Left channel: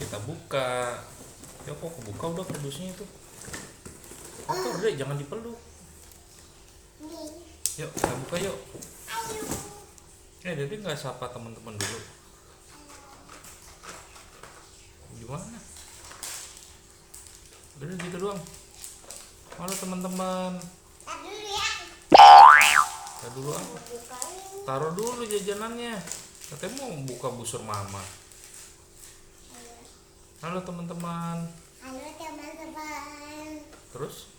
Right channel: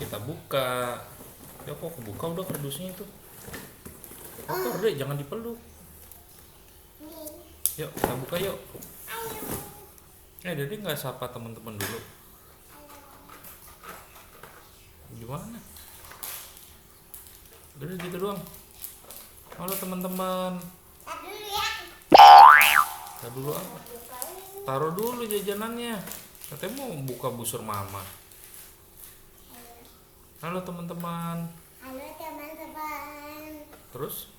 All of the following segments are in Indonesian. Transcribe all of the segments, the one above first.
Kita buka. Ya kok kebuka udah kardusnya itu. Kotor deh, jangan dipeluk. Yuk kita buka yuk. Dede nggak sapa teman-teman dulu. Gimana? Udah gitu doang. Halo teman-teman. Taruh dulu apa? Taruh dulu jajanannya. Katanya mau buka busur mama. Halo teman-teman. Halo teman-teman. Terus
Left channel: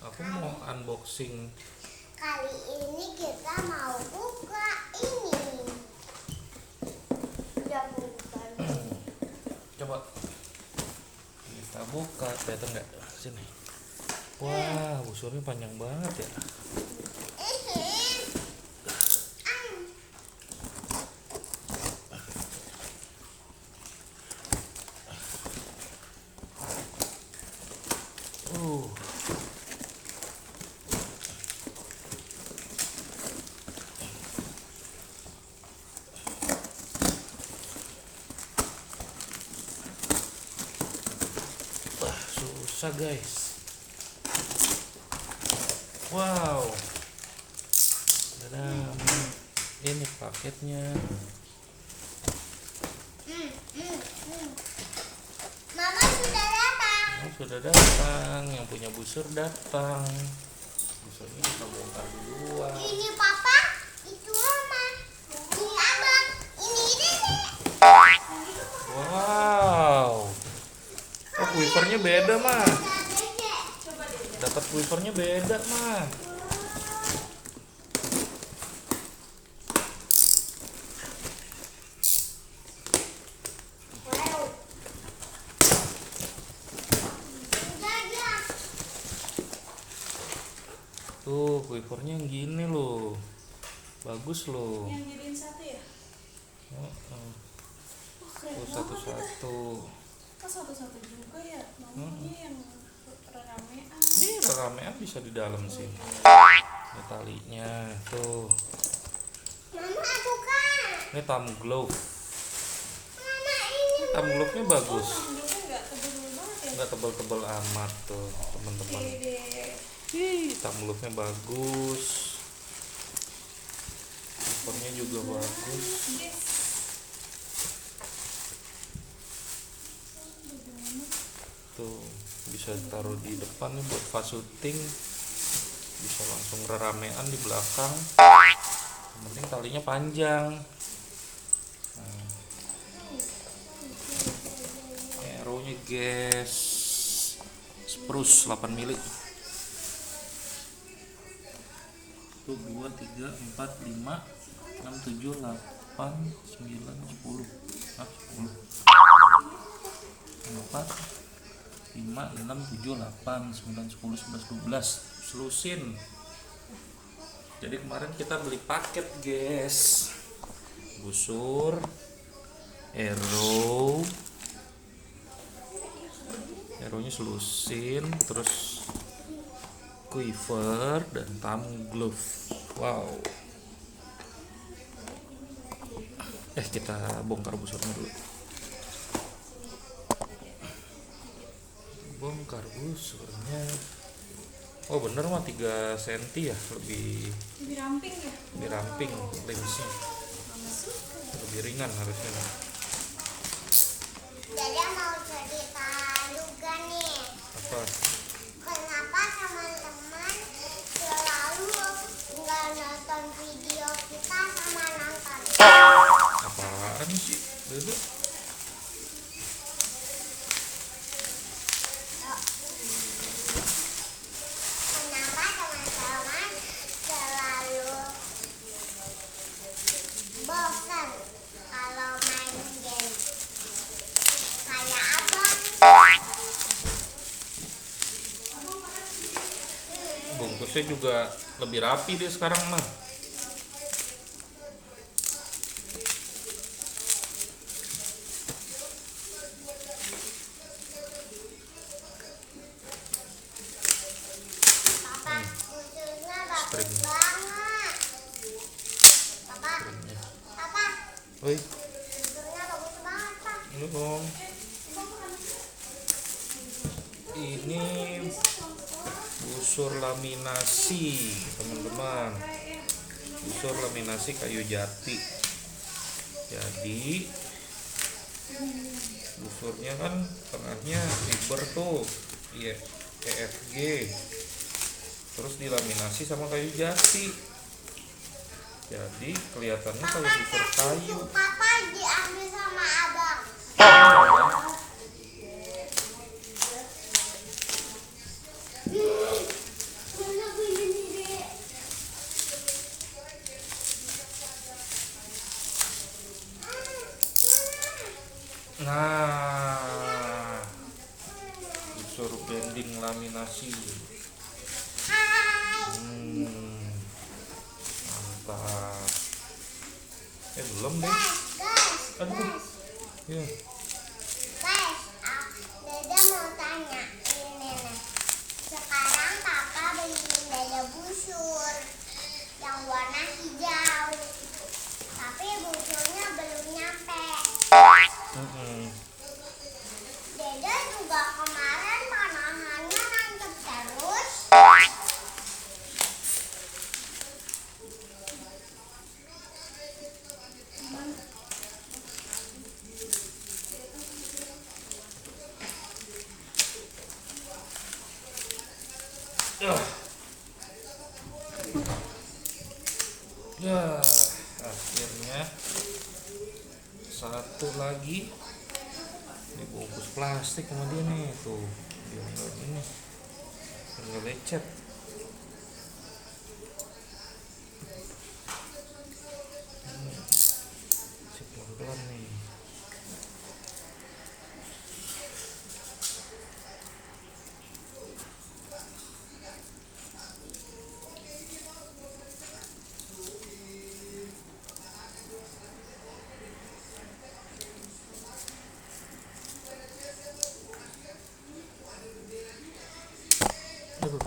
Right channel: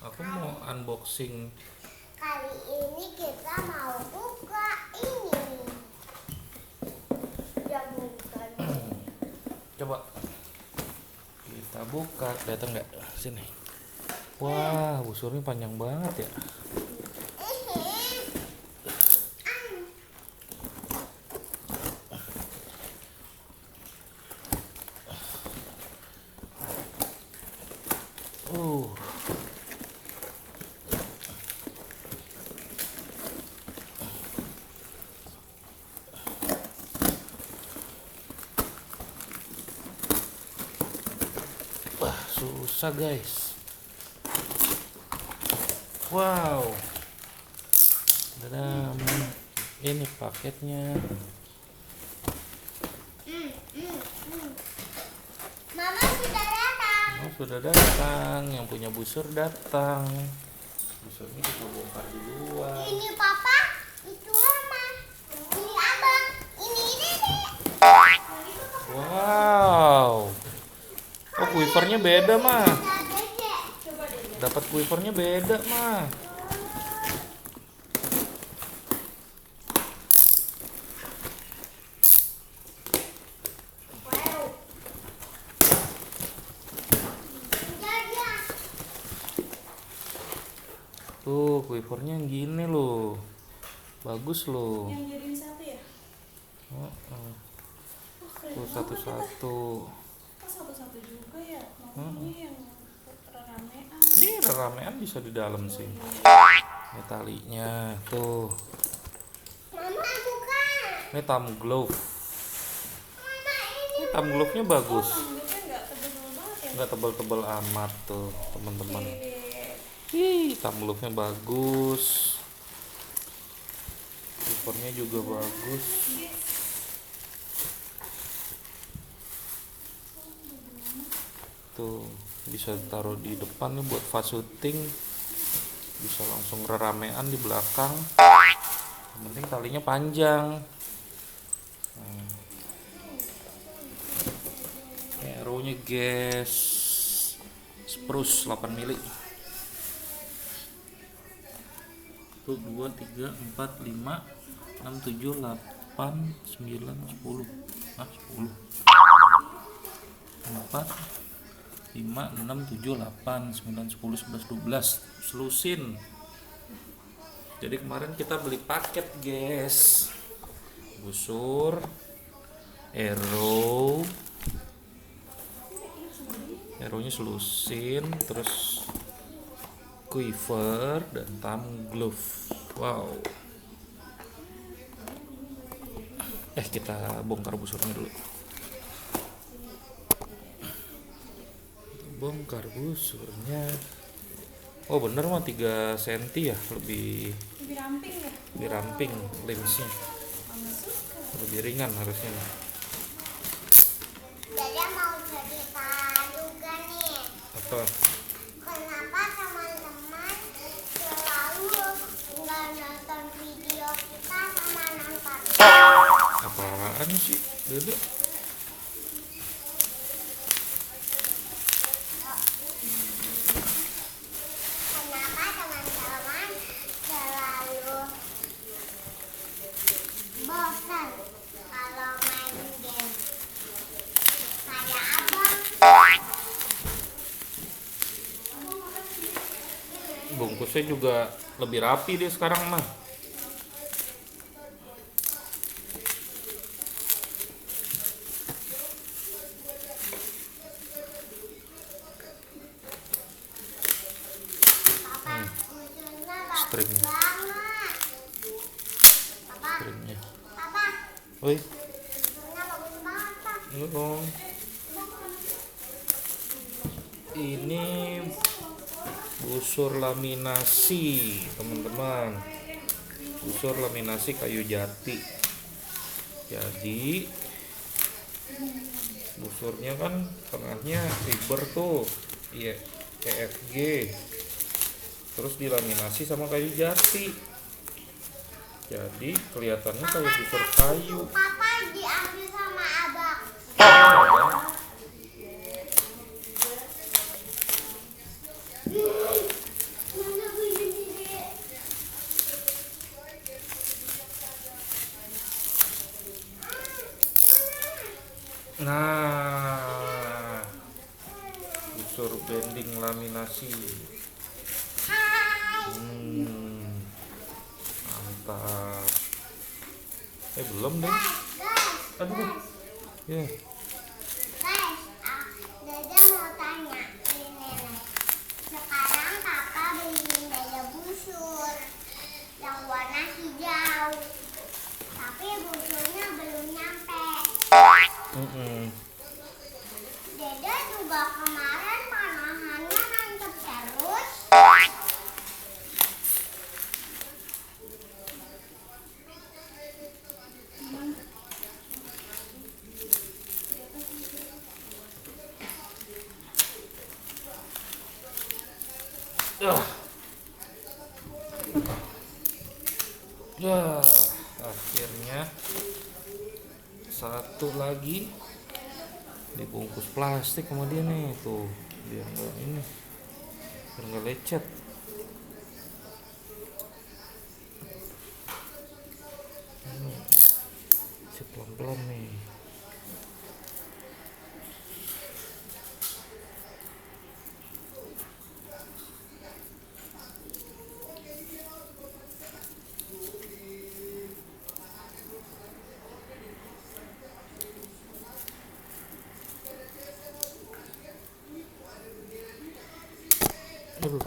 aku mau unboxing. Kali ini kita mau buka ini. Ya bukan. Coba kita buka, kelihatan nggak? Sini. Wah, busurnya panjang banget ya. Uh. Wah, susah guys. Wow. Dan ini paketnya. Mama sudah datang. Oh, sudah datang, yang punya busur datang. Busurnya kita bongkar duluan. Ini papa, itu mama, ini abang, ini dede. Wow. Oh, quivernya beda mah. Dapat quivernya beda mah. Tuh, quivernya yang gini loh. Bagus loh. Yang jadiin satu ya? Oh, Keren banget. satu-satu. Kok satu-satu juga ya? Maunya yang ramean. Ini ramean bisa di dalam sih. Ini talinya tuh. Mama buka. Ini thumb glove. Mama ini. Thumb glove-nya bagus. Tanggungnya nggak tebel-tebel banget ya? Nggak tebal-tebal amat tuh, teman-teman. Dede. Ih, thumb glove-nya bagus. Covernya juga bagus. Tuh, bisa taruh di depan nih buat fast shooting. Bisa langsung ramean di belakang. Yang penting talinya panjang. Arrow-nya guys. Spruce 8 mili. 1, 2, 3, 4, 5, 6, 7, 8, 9, 10. 10. 4, 5, 6, 7, 8, 9, 10, 11, 12. Selusin. Jadi kemarin kita beli paket guys. Busur, arrow-nya selusin, terus quiver dan thumb glove. Wow. Kita bongkar busurnya dulu. Bongkar busurnya. Oh bener mah 3 cm ya, lebih Lebih ramping ya? ramping lensnya. Mama suka. Lebih ringan harusnya. Dede mau cerita juga nih. Apa? Kenapa teman-teman selalu nggak nonton video kita sama nonton? Apaan sih? Beda. Kenapa teman-teman selalu bosan kalau main game? Kayak abang. Bungkusnya juga lebih rapi deh sekarang mah. Papa, busurnya bagus String. banget. Papa, Stringnya. papa, Oi, busurnya bagus banget, Pak. ini dong. Ini busur laminasi, teman-teman. Busur laminasi kayu jati. Jadi busurnya kan tengahnya fiber tuh, iya, EFG. Terus dilaminasi sama kayu jati. Jadi kelihatannya kayak busur kayu. Papa diambil sama abang. Mana begini dek? Nah, busur bending laminasi. Hai. Mantap. Belum deh. Guys, Aduh. Ya. guys, Dada mau tanya ini nih. Sekarang Papa beliin Dada busur yang warna hijau, tapi busurnya belum nyampe. Dada juga kemarin panahannya nancep terus. Ya, akhirnya satu lagi dibungkus plastik sama dia nih tuh, biar nggak ini, biar nggak lecet. Pelan-pelan nih. Aduh.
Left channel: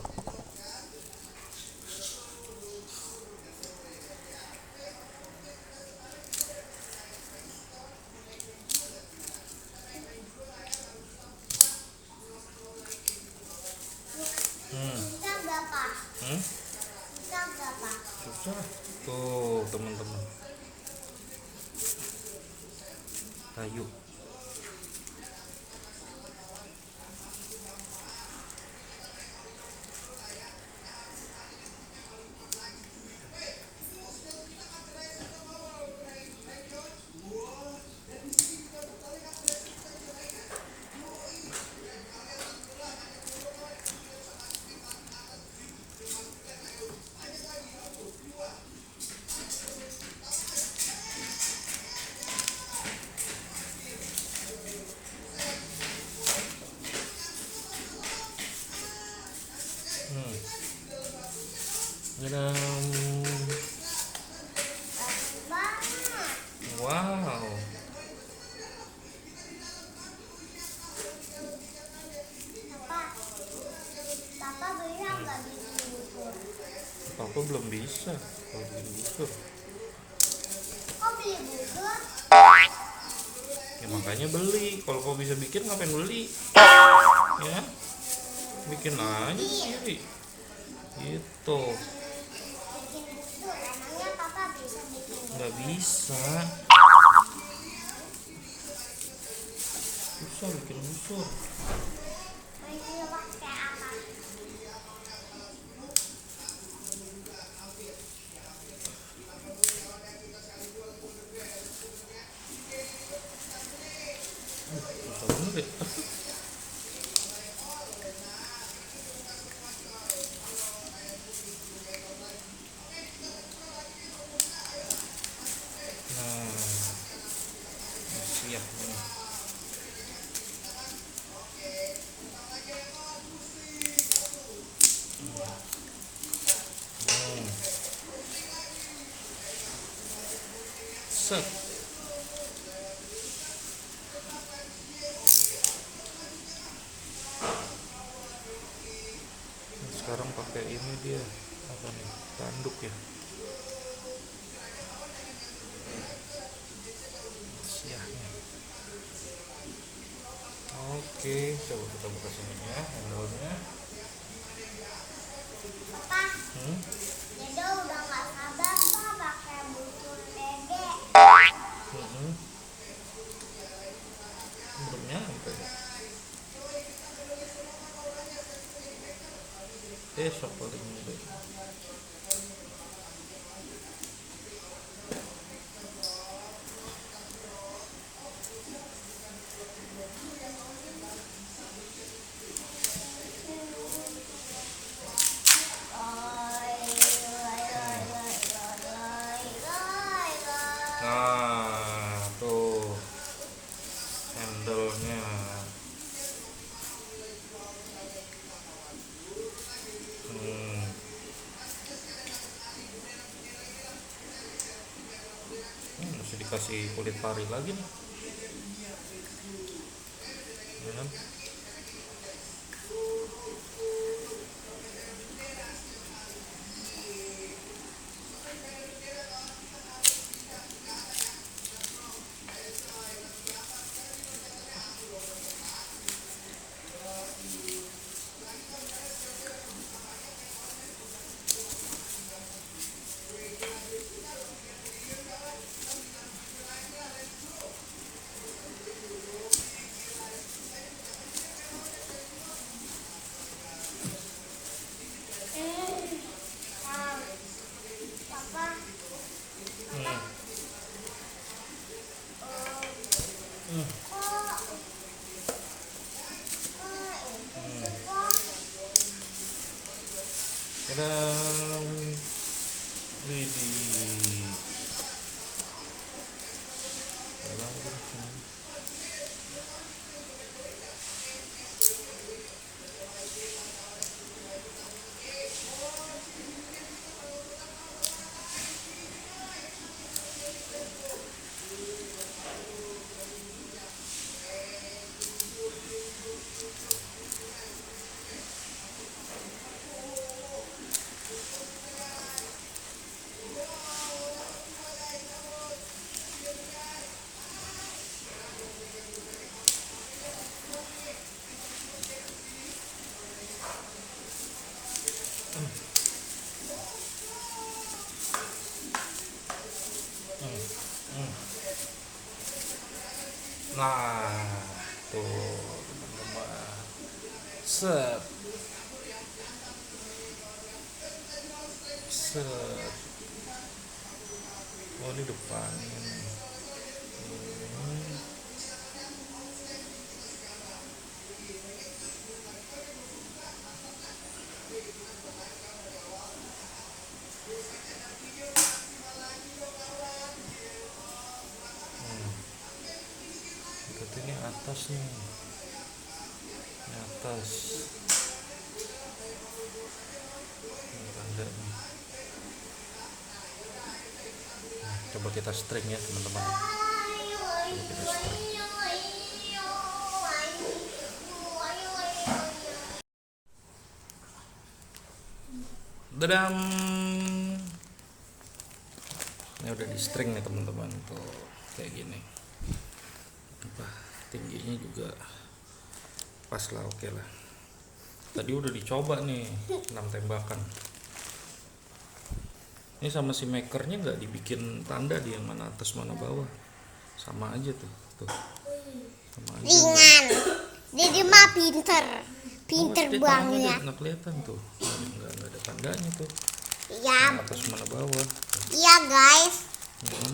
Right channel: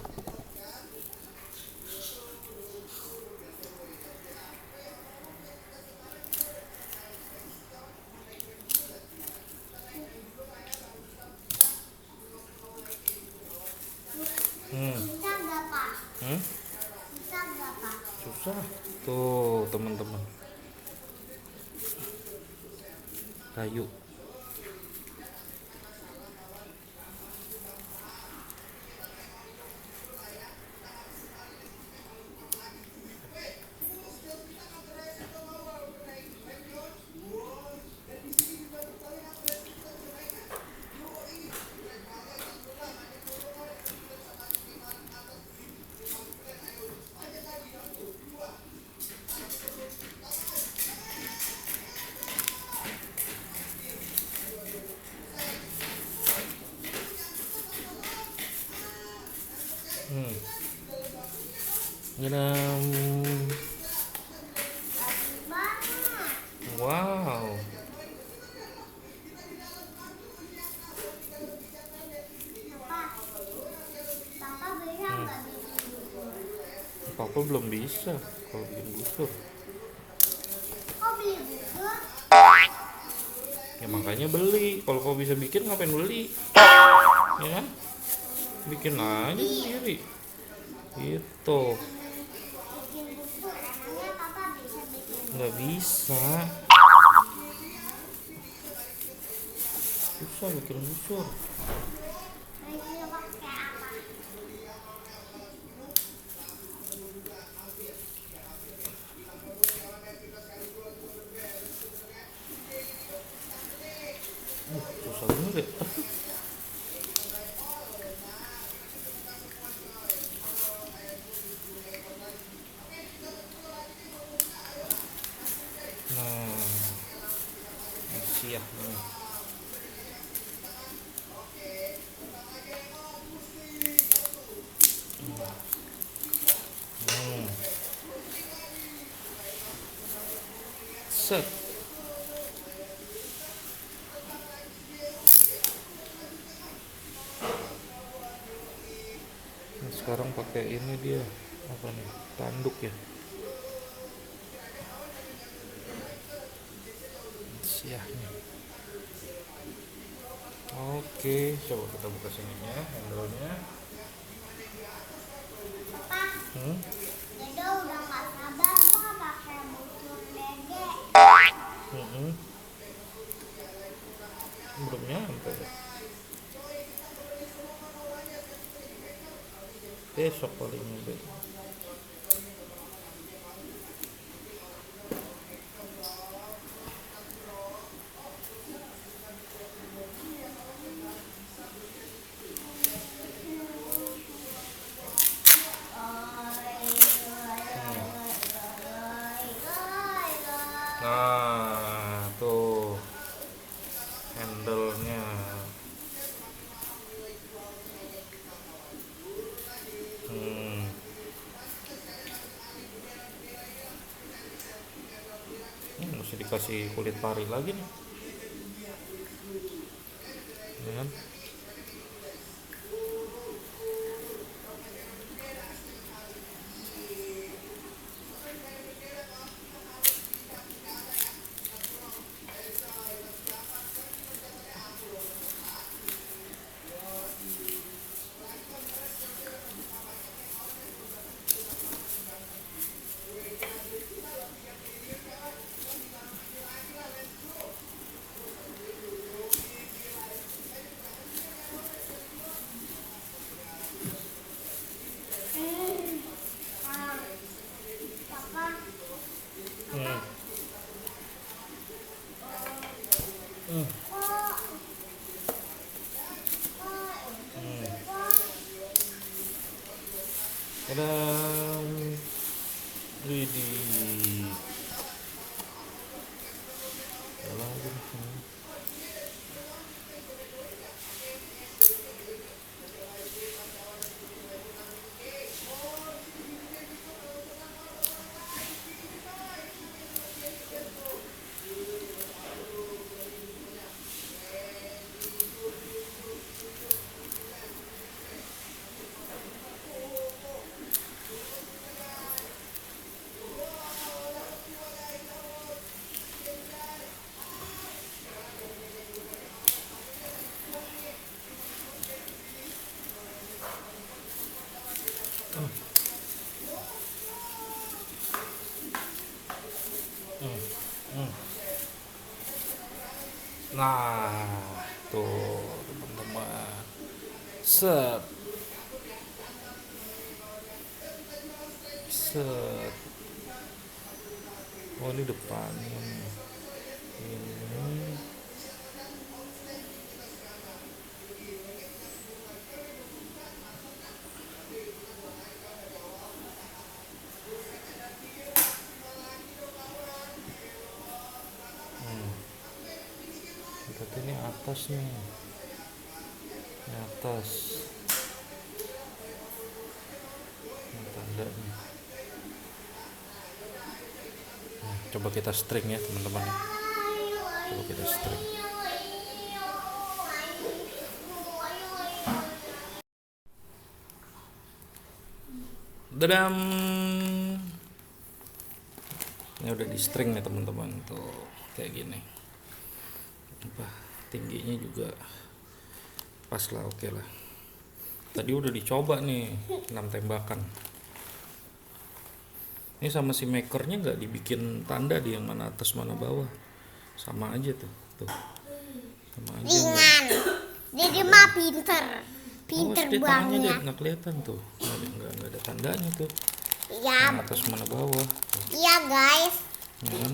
Bisa nggak Pak? Hmm? Bisa nggak Pak? Susah tuh teman-teman, kayu. Nyedam. Bagus banget. Wow. Papa bisa nggak bikin busur? Papa belum bisa kalau bikin busur. Kok beli busur? Ya makanya beli. Kalau kau bisa bikin ngapain beli? Ya, bikin aja sendiri. Gitu. Bikin busur, emangnya Papa bisa bikin busur? Nggak bisa. Susah bikin busur. Ini pakai apa? Susah banget ya. Nah, siap nih. Set. Nah, sekarang pakai ini dia apa nih, tanduk ya. Siap nih. Oke. Oke, coba kita buka sininya, handle-nya. Papa, Hmm? Dede udah gak sabar Pak pakai busur Dede. Hmm. Belum nyampe. Besok paling nyampe. Nah, tuh handle-nya. Hmm. Mesti dikasih kulit pari lagi nih. Ya kan? Papa, Hmm. kok Tadam. Widih. Dalam lagi. Nah, tuh teman-teman. Set. Set. Oh, ini depannya nih. Ini. Berarti ini atas nih. Ini atas. Ini tanda nih. Coba kita string ya teman-teman. Coba kita string. Dadam. Ini udah di string ya teman-teman, tuh kayak gini. Apa tingginya juga pas lah, oke lah. Tadi udah dicoba nih 6 tembakan. Ini sama si makernya nggak dibikin tanda di yang mana atas mana bawah, sama aja tuh sama aja. ringan. Dede mah pinter Tangannya banget. nggak kelihatan tuh, nggak ada tandanya tuh, Ya, yang atas mana bawah. iya guys. Hmm.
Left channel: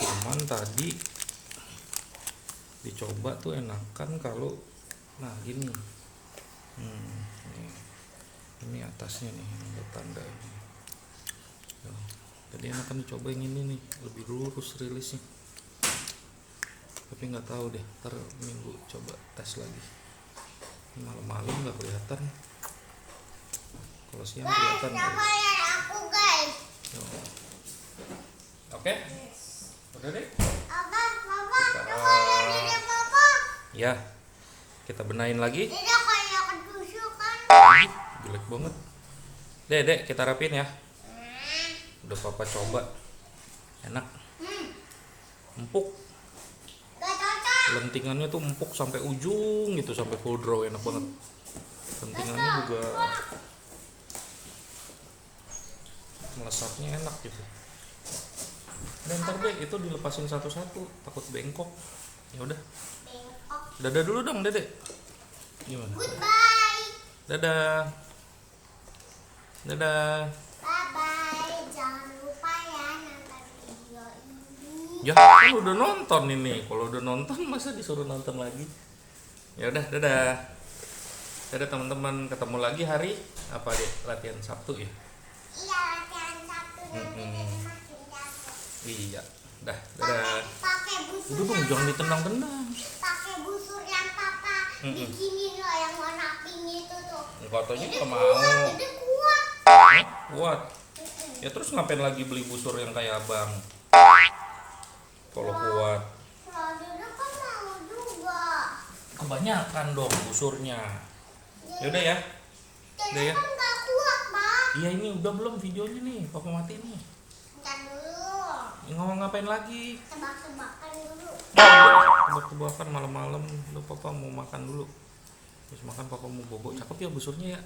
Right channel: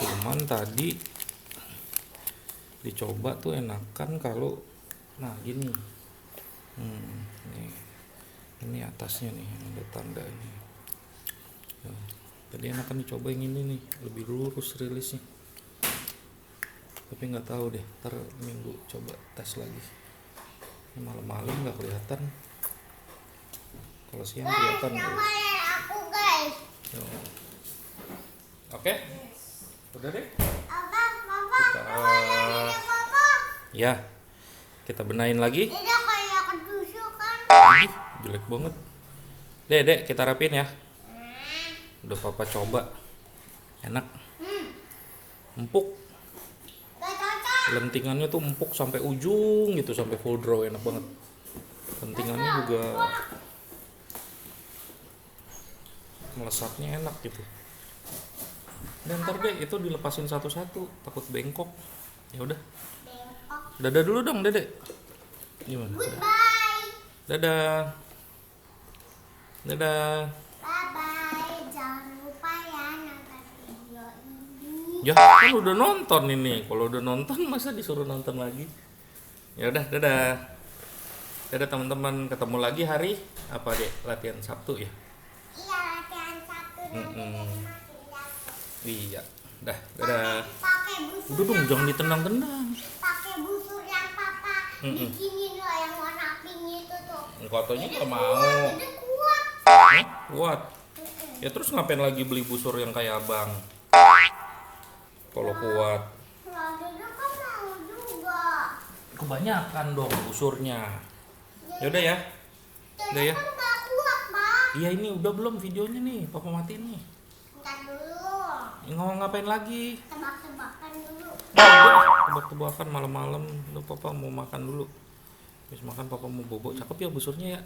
Cuman tadi dicoba tuh enakan kalau ini. Ini atasnya nih ada tanda ini. Jadi enakan dicoba yang ini nih, lebih lurus rilisnya. Tapi nggak tahu deh, ntar minggu coba tes lagi. Malam-malam nggak kelihatan, kalau siang kelihatan. Sama lihat aku guys. Oke, udah deh. Apa, Papa? Coba lihat Dede Papa. Ya, kita benahin lagi. Dede kayak ketusukan. Ih, jelek banget. Dek, kita rapiin ya. Udah papa coba, enak, empuk. Gak cocok. Lentingannya tuh empuk sampai ujung gitu, sampai full draw, enak banget. Lentingannya juga melesatnya enak gitu. Dan ntar deh itu dilepasin satu-satu, takut bengkok. Ya udah, Bengkok. dadah dulu dong Dedek. Gimana? Goodbye. Dadah. Dadah. Bye bye. Jangan lupa ya nonton video ini. Ya, kan udah nonton ini. Kalau udah nonton masa disuruh nonton lagi? Ya udah, dadah. Dadah teman-teman, ketemu lagi hari apa deh? Latihan Sabtu ya? Iya, latihan Sabtu nanti Dede makin jago. Iya. Dah, dadah. Pakai busur Udah dong, yang jangan papa- ditendang-tendang. pakai busur yang papa bikinin loh, yang warna pink itu tuh. Katanya Dede nggak mau. kuat, Dede kuat. Hah? Kuat. Ya terus ngapain lagi beli busur yang kayak abang? Kalau kuat. Kalau Dede kan mau juga. Kebanyakan dong busurnya. Ya udah ya. Udah Dede ya. kan nggak kuat, Pak. Iya ini udah belum videonya nih, papa matiin nih. Ntar dulu. Ngomong ngapain lagi? Tebak-tebakan dulu. Tebak-tebakan malam-malam. Lu papa mau makan dulu. Terus makan papa mau bobo. Cakep ya busurnya ya.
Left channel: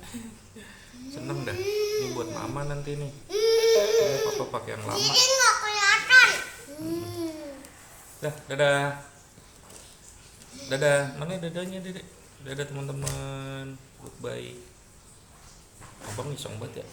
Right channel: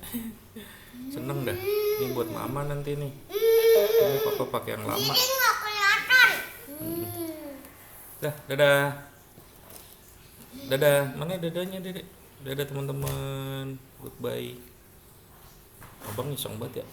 Seneng dah. Ini buat mama nanti nih. Ini papa pakai yang lama. Dede nggak kelihatan. Ya, dadah. Dadah. Mana dadanya, Dedek? Dadah teman-teman. Goodbye. Abang iseng banget ya.